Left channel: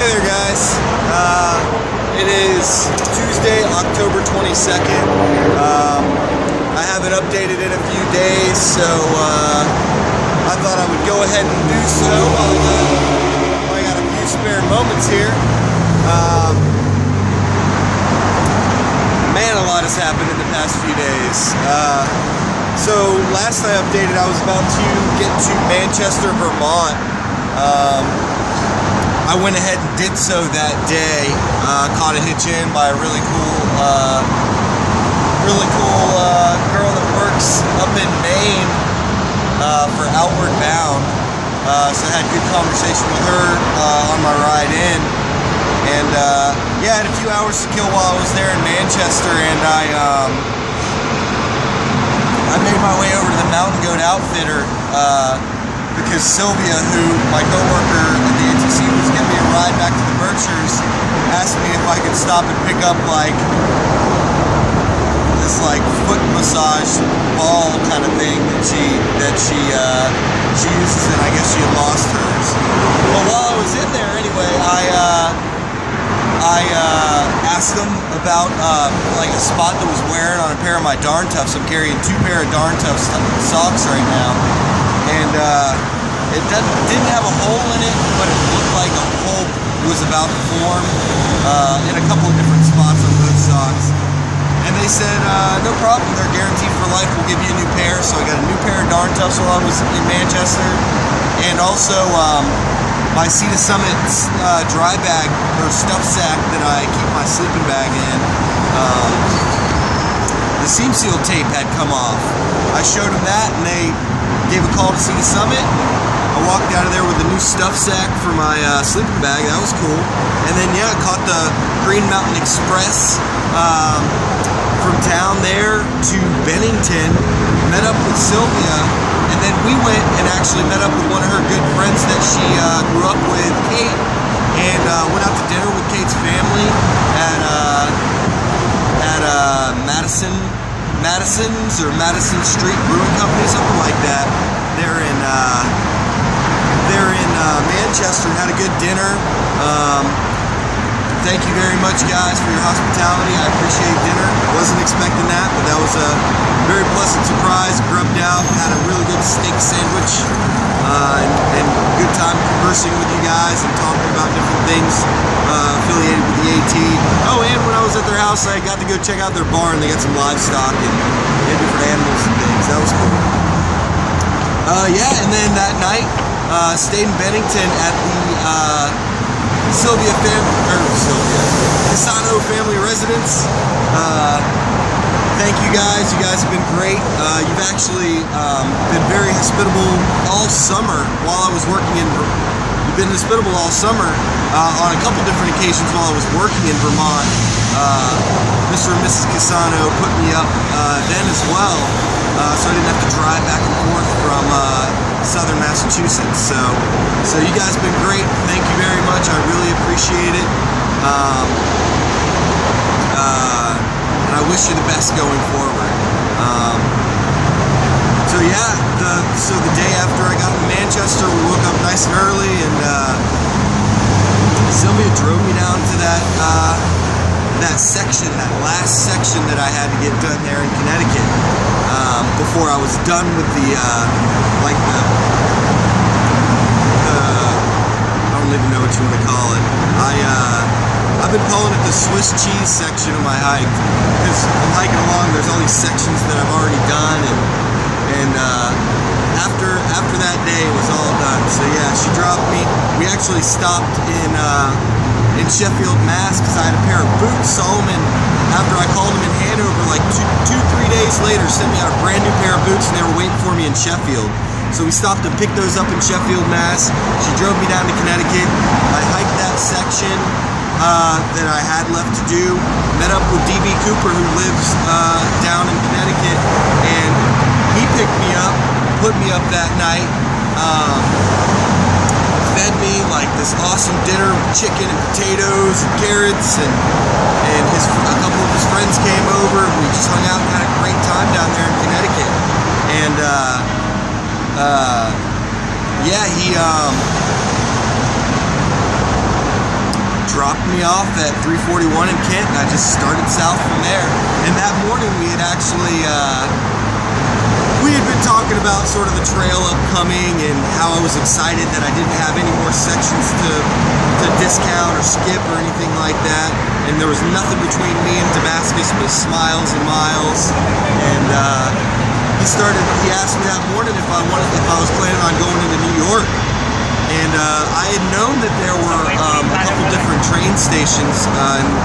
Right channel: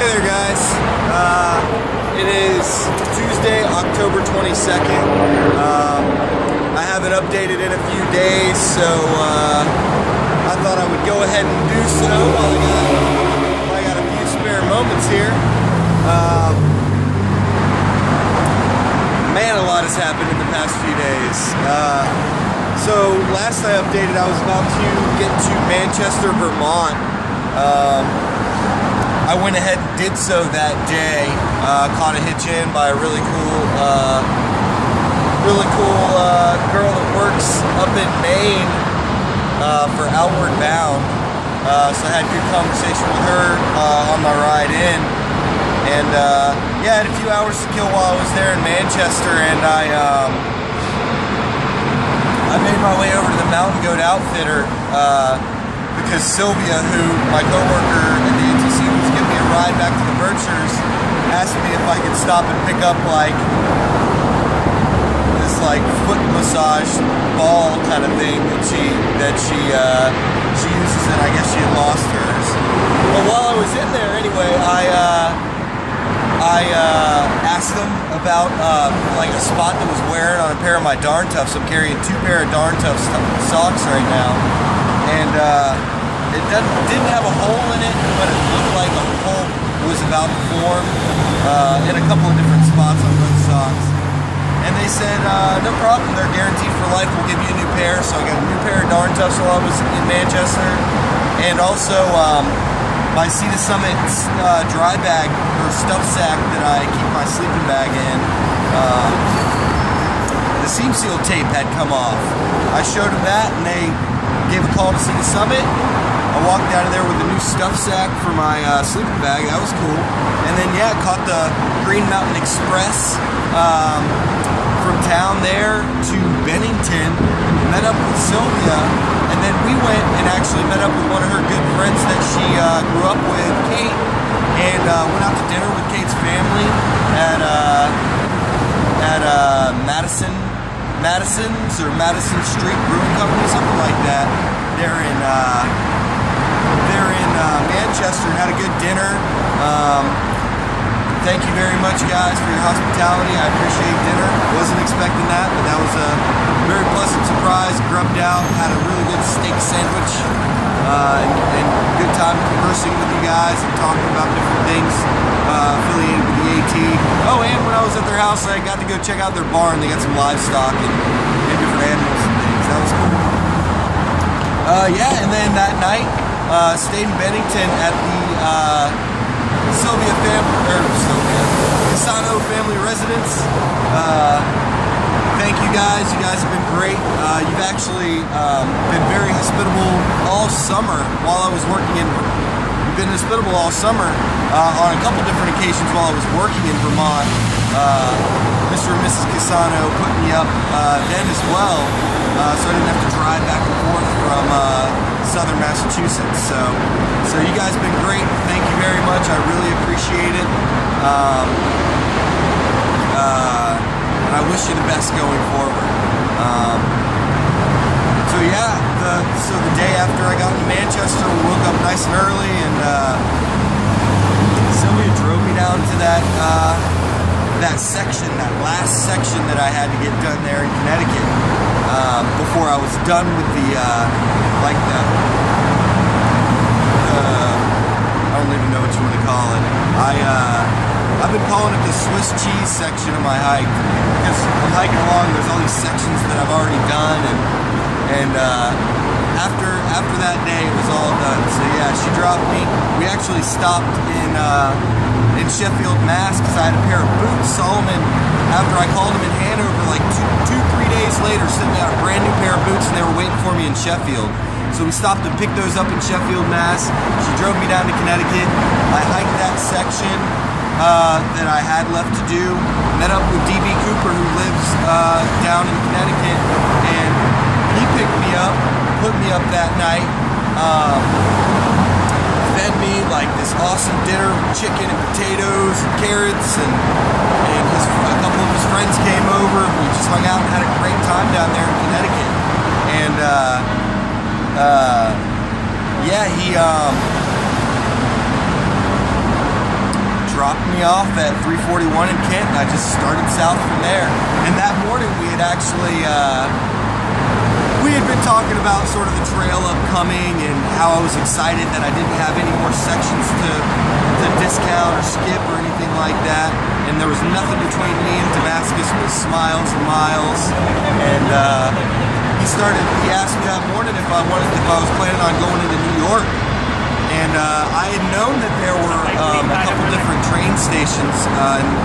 Hey there, guys. It is Tuesday, October 22nd. I haven't updated in a few days, so I thought I would go ahead and do so while I got a few spare moments here. Man, a lot has happened in the past few days. So last I updated, I was about to get to Manchester, Vermont. I went ahead and did so that day. Caught a hitch in by a really cool girl that works up in Maine for Outward Bound. So I had a good conversation with her on my ride in, and yeah, I had a few hours to kill while I was there in Manchester, and I made my way over to the Mountain Goat Outfitter. Because Sylvia, who my coworker at the ATC was giving me a ride back to the Berkshires, asked me if I could stop and pick up like this foot massage ball kind of thing that she uses, and I guess she had lost hers. But while I was in there anyway, I asked them about like a spot that was wearing on a pair of my Darn Toughs. I'm carrying 2 pair of Darn Toughs socks right now. And it didn't have a hole in it, but it looked like a hole was about to form in a couple of different spots on both socks. And they said, no problem, they're guaranteed for life, we'll give you a new pair. So I got a new pair of Darn Toughs while I was in Manchester. And also my Sea to Summit dry bag or stuff sack that I keep my sleeping bag in. The seam seal tape had come off. I showed them that, and they gave a call to Sea to Summit. I walked out of there with a new stuff sack for my sleeping bag. That was cool. And then yeah, caught the Green Mountain Express from town there to Bennington. Met up with Sylvia, and then we went and actually met up with one of her good friends that she grew up with, Kate, and went out to dinner with Kate's family at Madison's or Madison Street Brewing Company, something like that. They're in Manchester, and had a good dinner. Thank you very much, guys, for your hospitality. I appreciate dinner. Wasn't expecting that, but that was a very pleasant surprise. Grubbed out, had a really good steak sandwich, and good time conversing with you guys and talking about different things affiliated with the AT. Oh, and when I was at their house, I got to go check out their barn. They got some livestock and different animals and things. That was cool. Yeah, and then that night, stayed in Bennington at the Cassano family residence. Thank you guys. You guys have been great. You've actually been very hospitable all summer while I was working in. You've been hospitable all summer on a couple different occasions while I was working in Vermont. Mr. and Mrs. Cassano put me up then as well, so I didn't have to drive back and forth from southern Massachusetts. So you guys have been great. Thank you very much. I really appreciate it. And I wish you the best going forward. So yeah, the day after I got to Manchester, we woke up nice and early, and Sylvia drove me down to that last section that I had to get done there in Connecticut before I was done with I don't even know what you want to call it. I've been calling it the Swiss cheese section of my hike, because I'm hiking along, there's all these sections that I've already done, and after that day it was all done. So yeah, she dropped me. We actually stopped in Sheffield, Mass, because I had a pair of boots. Solomon, after I called him in Hanover, like 2-3 days later, sent me out a brand new pair of boots, and they were waiting for me in Sheffield. So we stopped to pick those up in Sheffield, Mass. She drove me down to Connecticut. I hiked that section that I had left to do. Met up with DB Cooper, who lives down in Connecticut, and he picked me up, put me up that night. Fed me like this awesome dinner with chicken and potatoes and carrots, and a couple of his friends came over. We just hung out and had a great time down there in Connecticut. And yeah, dropped me off at 341 in Kent, and I just started south from there. And that morning we had actually, we had been talking about sort of the trail upcoming and how I was excited that I didn't have any more sections to discount or skip or anything like that. And there was nothing between me and Damascus but miles and miles. And he asked me that morning if I was planning on going into New York. And I had known that there were a couple different train stations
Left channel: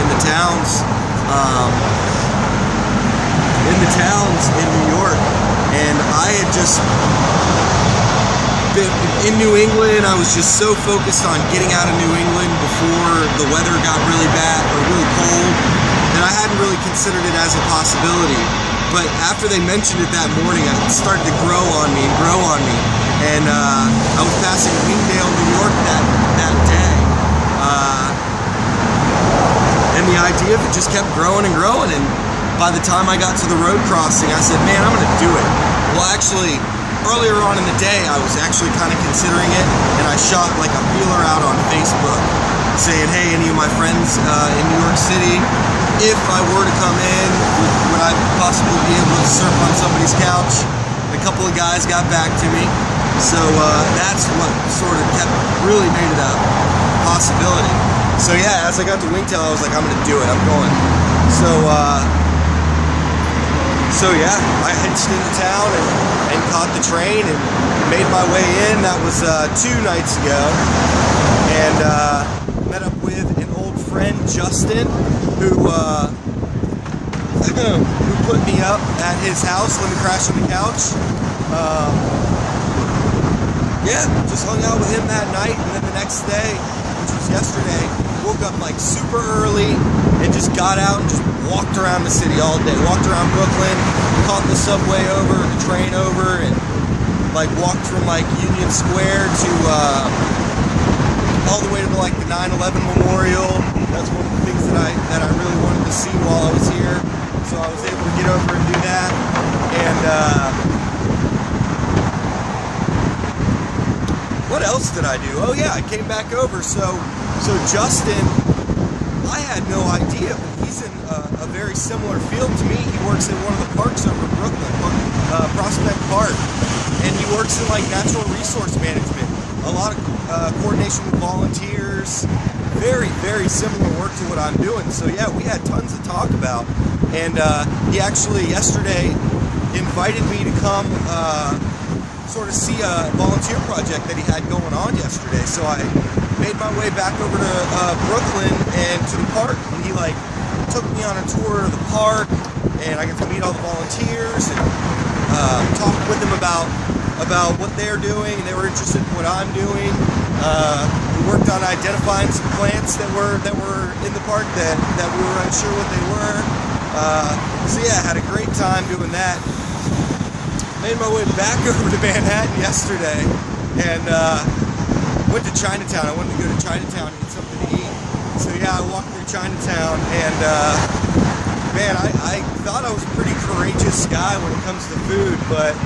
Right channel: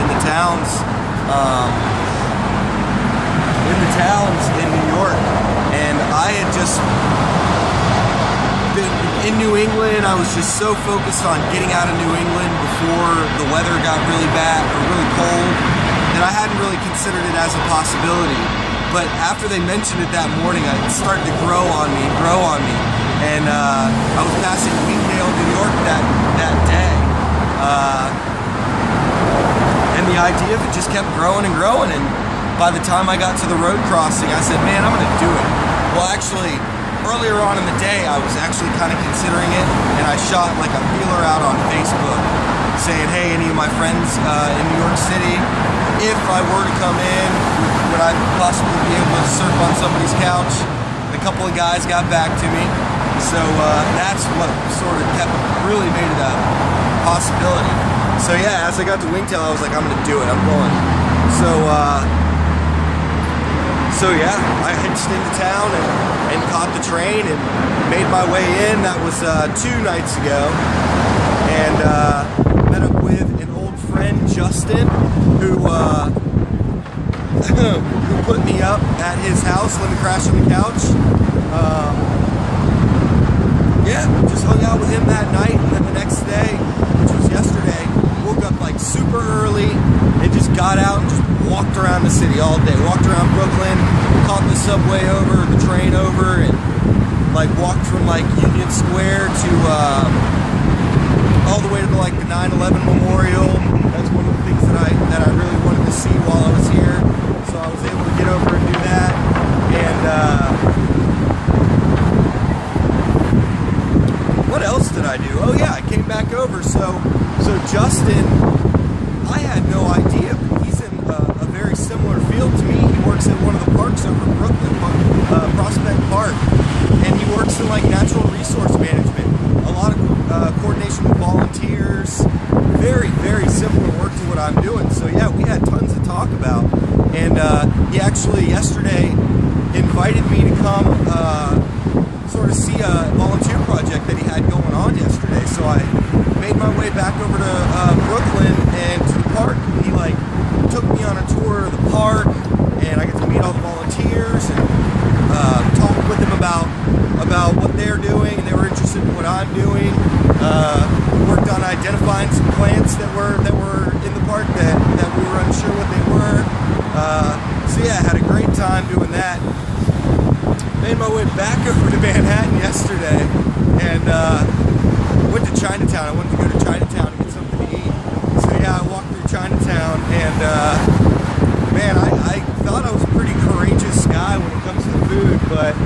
in the towns in New York, and I had just been in New England. I was just so focused on getting out of New England before the weather got really bad or really cold that I hadn't really considered it as a possibility. But after they mentioned it that morning, it started to grow on me. And I was passing Wingdale, New York that day. And the idea of it just kept growing and growing. And by the time I got to the road crossing, I said, man, I'm gonna do it. Well, actually, earlier on in the day, I was actually kind of considering it, and I shot like a feeler out on Facebook saying, hey, any of my friends in New York City, if I were to come in, would I possibly be able to surf on somebody's couch? And a couple of guys got back to me. So that's what sort of really made it a possibility. So yeah, as I got to Wingtail, I was like, I'm gonna do it, I'm going. So yeah, I hitched into town and caught the train and made my way in. That was 2 nights ago. And met up with an old friend, Justin, who put me up at his house, let me crash on the couch. Yeah, just hung out with him that night, and then the next day, which was yesterday, woke up like super early and just got out and just walked around the city all day. Walked around Brooklyn, caught the subway over, the train over, and like walked from like Union Square to all the way to like the 9/11 Memorial. That's one of the things that I really wanted to see while I was here. So I was able to get over and do that. And what else did I do? Oh yeah, I came back over. So Justin, I had no idea, but he's in a very similar field to me. He works at one of the parks over in Brooklyn, Prospect Park, and he works in like natural resource management. A lot of coordination with volunteers. Very, very similar work to what I'm doing. So yeah, we had tons to talk about. And he actually yesterday invited me to come sort of see a volunteer project that he had going on yesterday. So I made my way back over to Brooklyn and to the park, and he like took me on a tour of the park, and I got to meet all the volunteers and talk with them about what they're doing, and they were interested in what I'm doing. We worked on identifying some plants that were in the park that we were unsure what they were. So yeah, I had a great time doing that. Made my way back over to Manhattan yesterday and went to Chinatown. I wanted to go to Chinatown and get something to eat. So yeah, I walked through Chinatown, and man, I thought I was a pretty courageous guy when it comes to food, but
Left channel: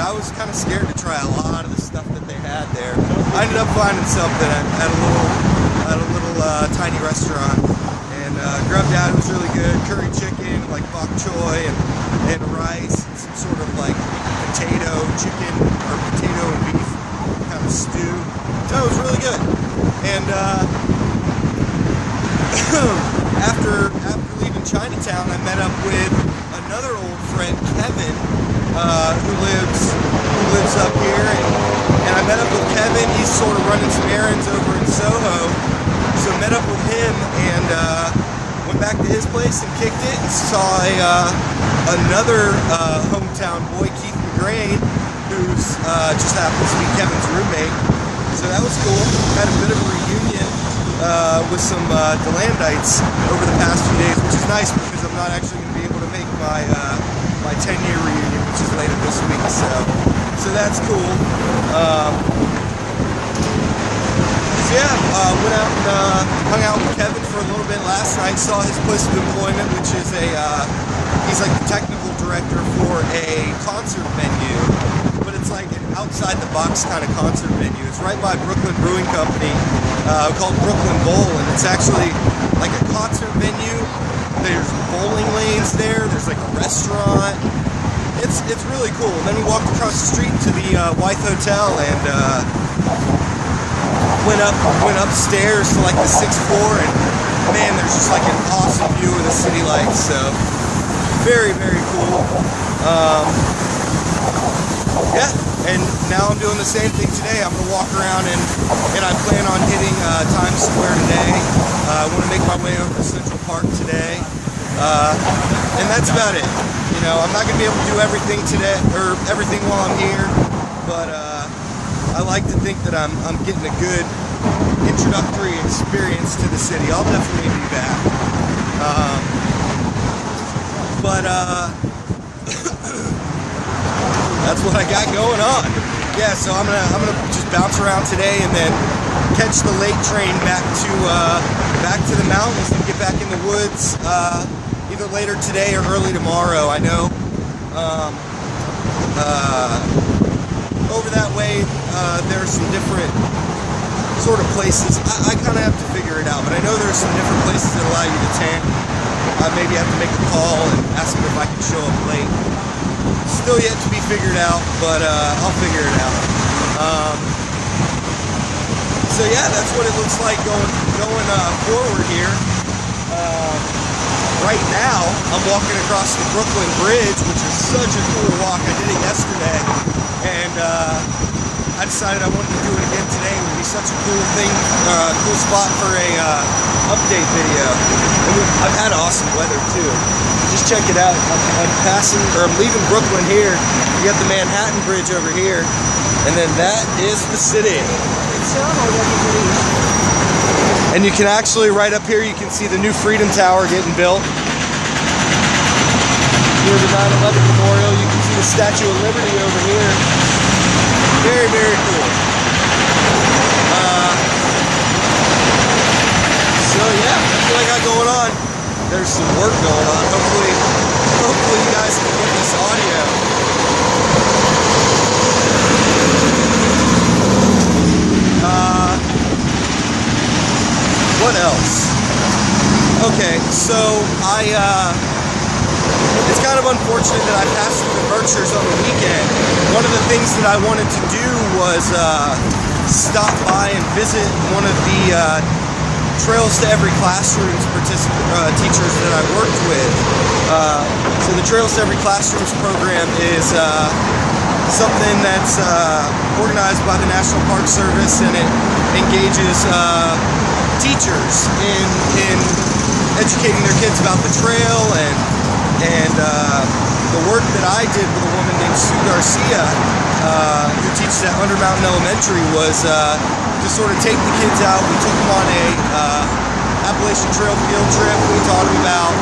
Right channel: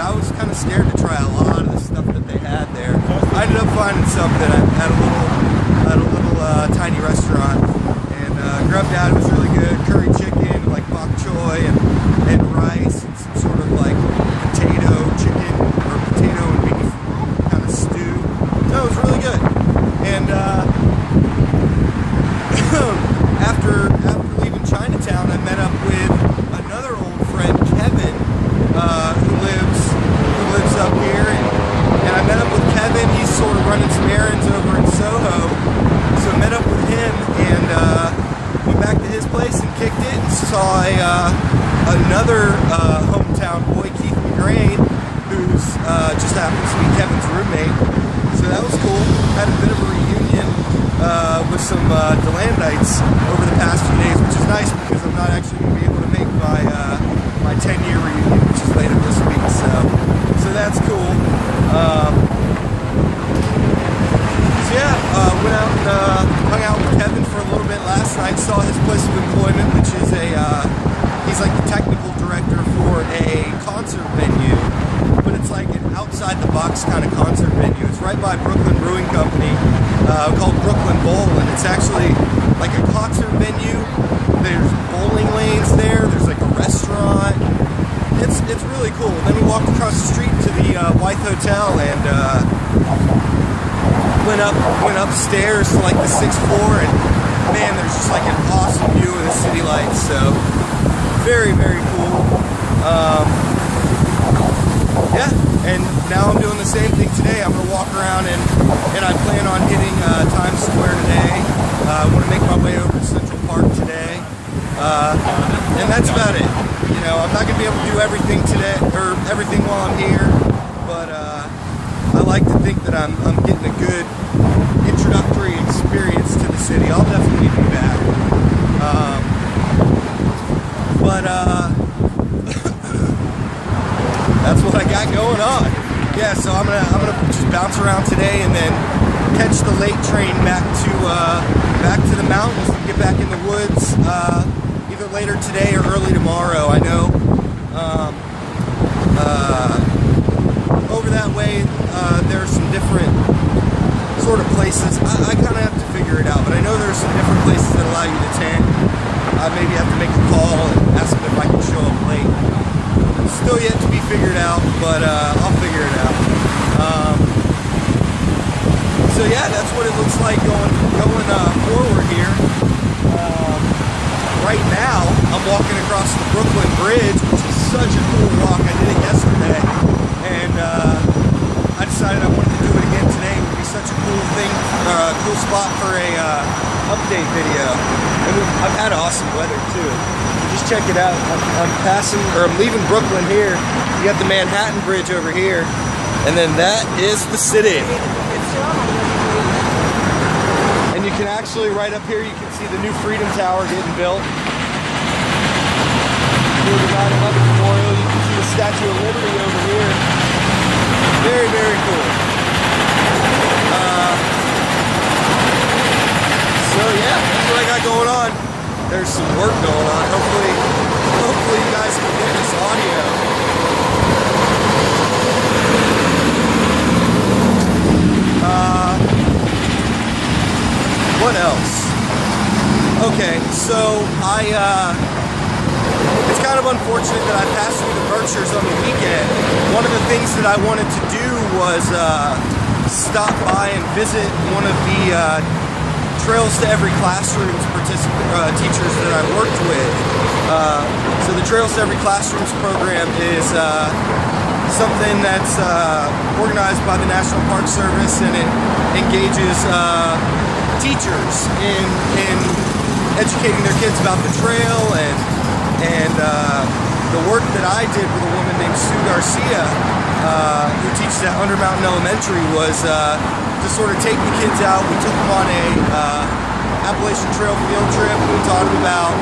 I was kind of scared to try a lot of the stuff that they had there. I ended up finding something at a little tiny restaurant, and grubbed out. It was really good. Curry chicken, like bok choy, and rice, and some sort of like potato chicken or potato and beef kind of stew. So it was really good. And after leaving Chinatown, I met up with another old friend, Kevin, who lives up here, and I met up with Kevin. He's sort of running some errands over in Soho, so met up with him and went back to his place and kicked it, and saw another hometown boy, Keith McGrain, who's just happens to be Kevin's roommate. So that was cool. Had a bit of a reunion with some DeLandites over the past few days, which is nice because I'm not actually going to be able to make my 10-year reunion, which is later this week. So that's cool. So yeah, went out and hung out with Kevin for a little bit last night. Saw his place of employment, which is a He's like the technical director for a concert venue, but it's like an outside the box kind of concert venue. It's right by Brooklyn Brewing Company, called Brooklyn Bowl, and it's actually like a concert venue. There's bowling lanes there. There's like a restaurant. It's really cool. And then we walked across the street to the Wythe Hotel and went upstairs to like the 6th floor, and man, there's just like an awesome view of the city lights. So very, very cool. Yeah, and now I'm doing the same thing today. I'm gonna walk around and I plan on hitting Times Square today. I want to make my way over to Central Park today, and that's about it. You know, I'm not gonna be able to do everything today or everything while I'm here, but I like to think that I'm getting a good introductory experience to the city. I'll definitely be back, but that's what I got going on. Yeah, so I'm gonna just bounce around today and then catch the late train back to the mountains and get back in the woods either later today or early tomorrow. I know over that way there's some different sort of places. I kind of have to figure it out, but I know there's some different places that allow you to tent. I maybe have to make a call and ask them if I can show up late. Still yet to be figured out, but I'll figure it out. So yeah, that's what it looks like going forward here. Right now, I'm walking across the Brooklyn Bridge, which is such a cool walk. I did it yesterday, and I decided I wanted to do it again today. It would be such a cool thing, cool spot for a update video. And I've had awesome weather too. Just check it out. I'm leaving Brooklyn here. You got the Manhattan Bridge over here, and then that is the city. And you can actually, right up here, you can see the new Freedom Tower getting built. Here's the 9/11 Memorial. You can see the Statue of Liberty over here. Very, very cool. So yeah, that's what I got going on. There's some work going on. Hopefully you guys can get this audio. What else? Okay, so it's kind of unfortunate that I passed through the Berkshires on the weekend. One of the things that I wanted to do was stop by and visit one of the Trails to Every Classroom's teachers that I've worked with. So the Trails to Every Classroom's program is something that's organized by the National Park Service, and it engages teachers in educating their kids about the trail, and the work that I did with a woman named Sue Garcia, who teaches at Undermountain Elementary, was to sort of take the kids out. We took them on a Appalachian Trail field trip. We taught them about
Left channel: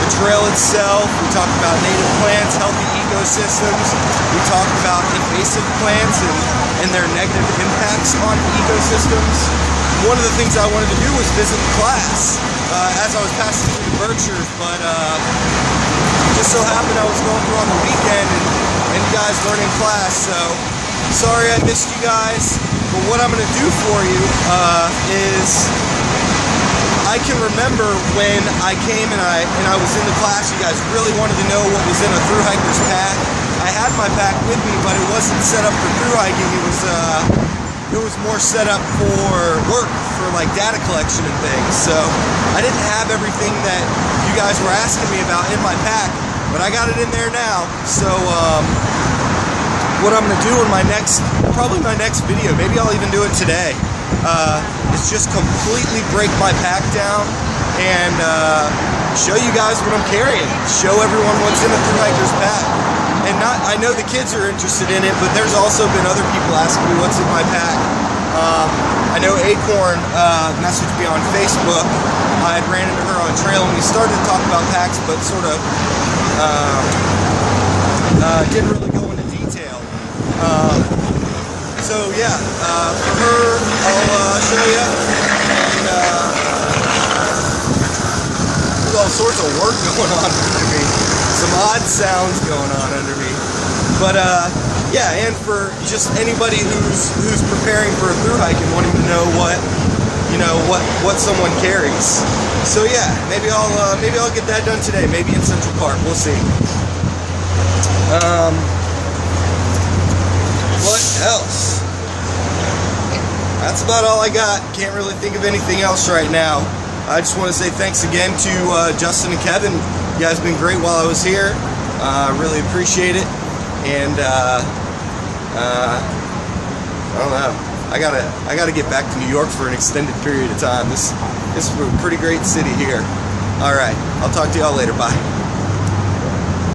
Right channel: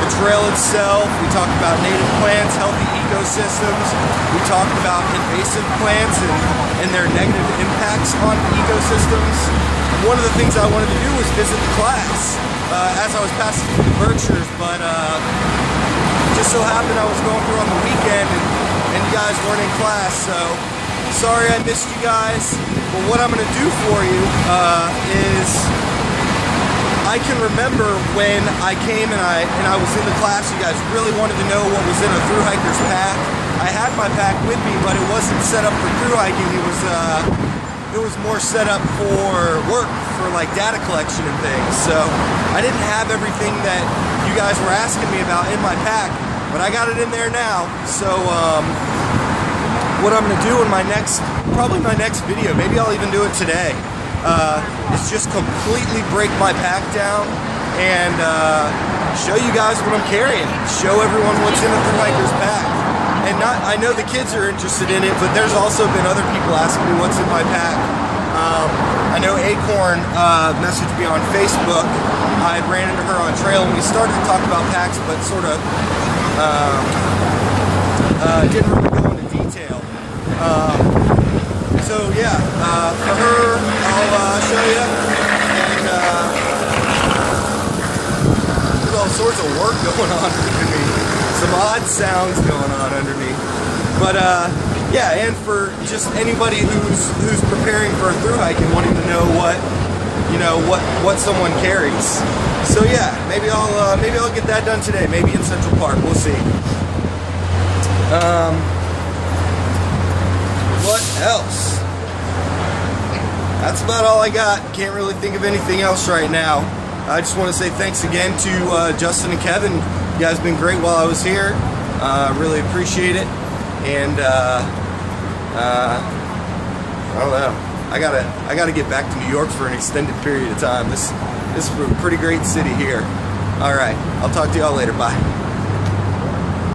the trail itself. We talked about native plants, healthy ecosystems. We talked about invasive plants and their negative impacts on ecosystems. One of the things I wanted to do was visit the class as I was passing through the Berkshires, but just so happened I was going through on the weekend and you guys weren't in class, so sorry I missed you guys. But what I'm going to do for you is, I can remember when I came and I was in the class, you guys really wanted to know what was in a thru hiker's pack. I had my pack with me, but it wasn't set up for thru hiking. It was more set up for work, for like data collection and things. So I didn't have everything that you guys were asking me about in my pack, but I got it in there now. So what I'm gonna do in probably my next video, maybe I'll even do it today, is just completely break my pack down and show you guys what I'm carrying. Show everyone what's in a thru hiker's pack. And I know the kids are interested in it, but there's also been other people asking me what's in my pack. I know Acorn messaged me on Facebook. I had ran into her on trail and we started to talk about packs, but sort of didn't really go into detail. So yeah, for her, I'll show you. And all sorts of work going on under me. Some odd sounds going on under me. But yeah, and for just anybody who's preparing for a thru hike and wanting to know what someone carries. So yeah, maybe I'll get that done today. Maybe in Central Park. We'll see. What else? That's about all I got. Can't really think of anything else right now. I just want to say thanks again to Justin and Kevin. You guys have been great while I was here. Really appreciate it. And I don't know. I gotta get back to New York for an extended period of time. This is a pretty great city here. All right, I'll talk to y'all later. Bye.